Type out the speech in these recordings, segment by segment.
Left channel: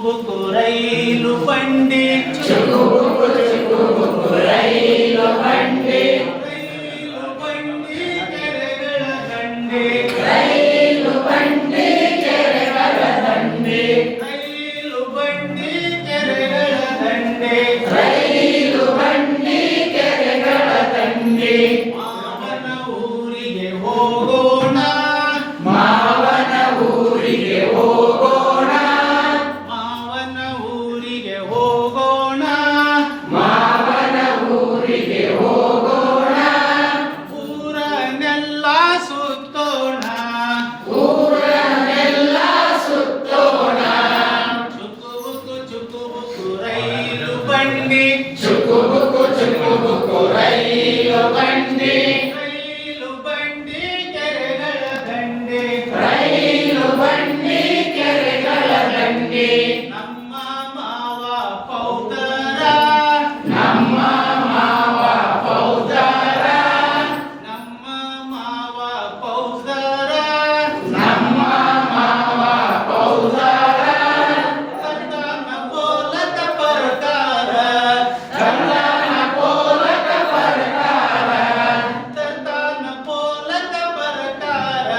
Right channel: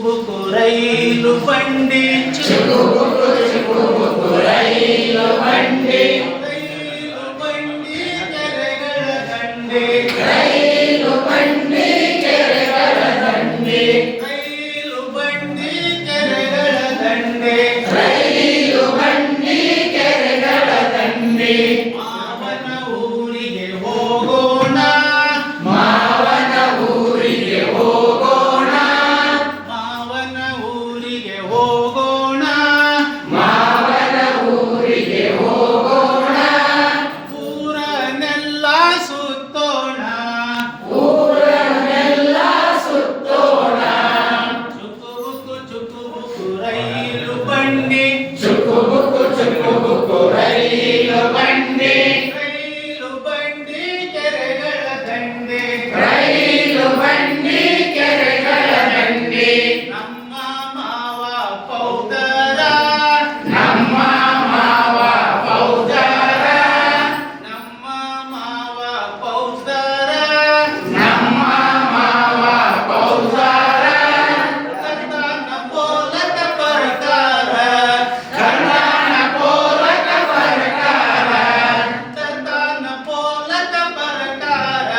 ಬುಕು ರೈಲು ಬಂಡಿ ಚುಕು ರೈಲು ಬಂಡಿ ರೈಲು ಬಂಡಿ ಕೆರೆಗಳ ದಂಡೆ ರೈಲು ಬಂಡಿ ಕೆರೆಗಳ ದಂಡೆ ರೈಲು ಬಂಡಿ ಕೆರೆಗಳ ದಂಡೆ ರೈಲು ಬಂಡಿ ಕೆರೆಗಳ ದಂಡೆ ಮಾವನ ಊರಿಗೆ ಹೋಗೋಣ ಮಾವನ ಊರಿಗೆ ಹೋಗೋಣ ಮಾವನ ಊರಿಗೆ ಹೋಗೋಣ ಮಾವನ ಊರಿಗೆ ಹೋಗೋಣ ಊರನ್ನೆಲ್ಲ ಸುತ್ತೋಣ ಊರನ್ನೆಲ್ಲ ಸುತ್ತೋಣ ಚುಕು ಬುಕು ರೈಲು ಬಂಡಿ ಚುಕು ಬುಕು ರೈಲು ಬಂಡಿ ರೈಲು ಬಂಡಿ ಕೆರೆಗಳ ದಂಡೆ ರೈಲು ಬಂಡಿ ಕೆರೆಗಳ ದಂಡೆ ನಮ್ಮ ಮಾವ ಪೌದರ ನಮ್ಮ ಮಾವ ಪೌದರ ನಮ್ಮ ಮಾವ ಪೌದರ ನಮ್ಮ ಮಾವ ಪೌದರ ಕರ್ತನ ಬೋಲಕ ಬರ್ತಾರ ಕನ್ನಡ ಪೋಲಕ ಬರ್ತಾರ ಕರ್ತನ ಬೋಲಕ ಬರ್ತಾರ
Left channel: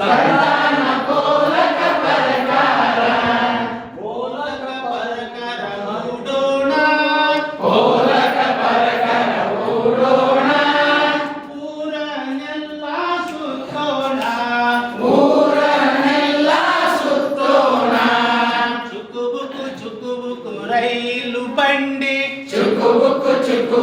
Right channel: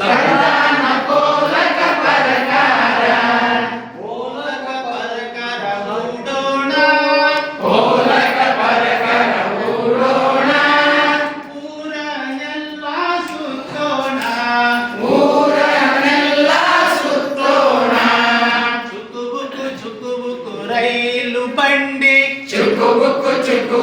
ಕನ್ನಡ ಪೋಲಕ ಬರ್ತಾರ ಬೋಲಕ ಬರ್ತಾರ ಮೂಡೋಣ ಪೋಲಕ ಬರ್ತಾರ ಊಡೋಣ ಊರನ್ನೆಲ್ಲ ಸುತ್ತೋಣ ಊರನ್ನೆಲ್ಲ ಸುತ್ತೋಣ ಚುಕು ಬುಕು ರೈಲು ಬಂಡಿ ಚುಕು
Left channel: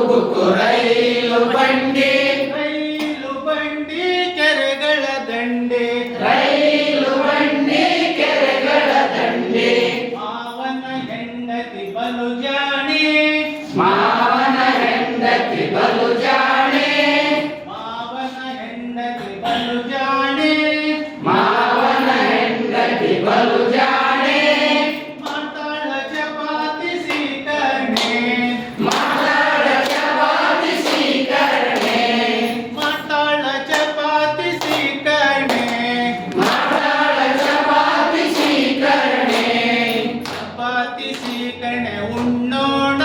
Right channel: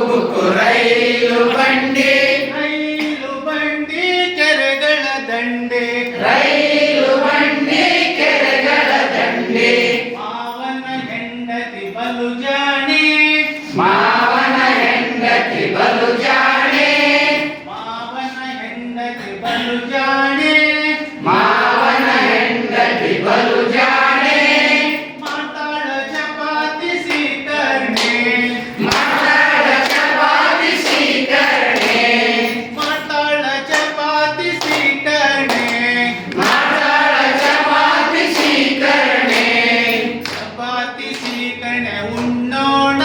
ಬುಕು ರೈಲು ಬಂಡಿ ರೈಲು ಬಂಡಿ ಕೆರೆಗಳ ದಂಡೆ ರೈಲು ಬಂಡಿ ಕೆರೆಗಳ ದಂಡೆ ಮಾವನ ಹೆಂಡತಿ ಬಲು ಜಾಣೆ ಮಾವನ ಹೆಂಡತಿ ಬಲು ಜಾಣೆ ಮಾವನ ಹೆಂಡತಿ ಬಲು ಜಾಣೆ ಮಾವನ ಹೆಂಡತಿ ಬಲು ಜಾಣೆ ಮಾತಾಡ ಚಪಾತಿ ಸೀಕರ್ಣೆ ಮಾತಾಡ ಚಪಾತಿ ಸ್ವೀಕರಣೆ ಮಾತಾಡ ಚಪಾತಿ ಸೀಕರ್ಣೆ ಮಾತಾಡ ಚಪಾತಿ ಸ್ವೀಕರಣೆ ಚಪಾತಿ ಸೀಕರ್ಣೆ ಉಣ್ಣೋಣ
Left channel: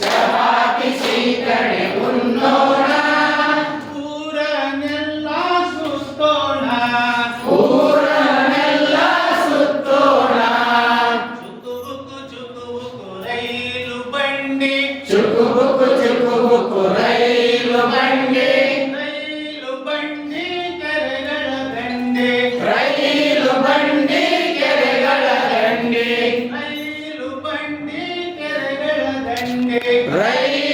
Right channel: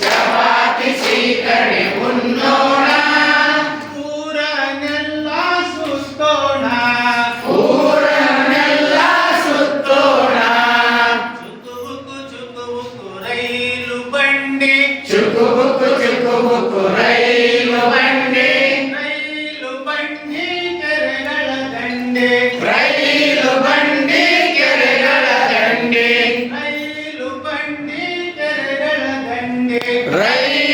ಚಪಾತಿ ಸ್ವೀಕರಣೆ ಉಣ್ಣೋಣ ಊರನ್ನೆಲ್ಲ ಸುತ್ತೋಣ ಊರನ್ನೆಲ್ಲ ಸುತ್ತೋಣ ಚುಕು ಬುಕು ರೈಲು ಬಂಡಿ ಚುಕು ಬುಕು ರೈಲು ಬಂಡಿ ರೈಲು ಬಂಡಿ ಕೆರೆಗಳ ದಂಡೆ ರೈಲು ಬಂಡಿ ಕೆರೆಗಳ ದಂಡೆ ರೈಲು ಬಂಡಿ ಕೆರೆಗಳ ದಂಡೆ ರೈಲು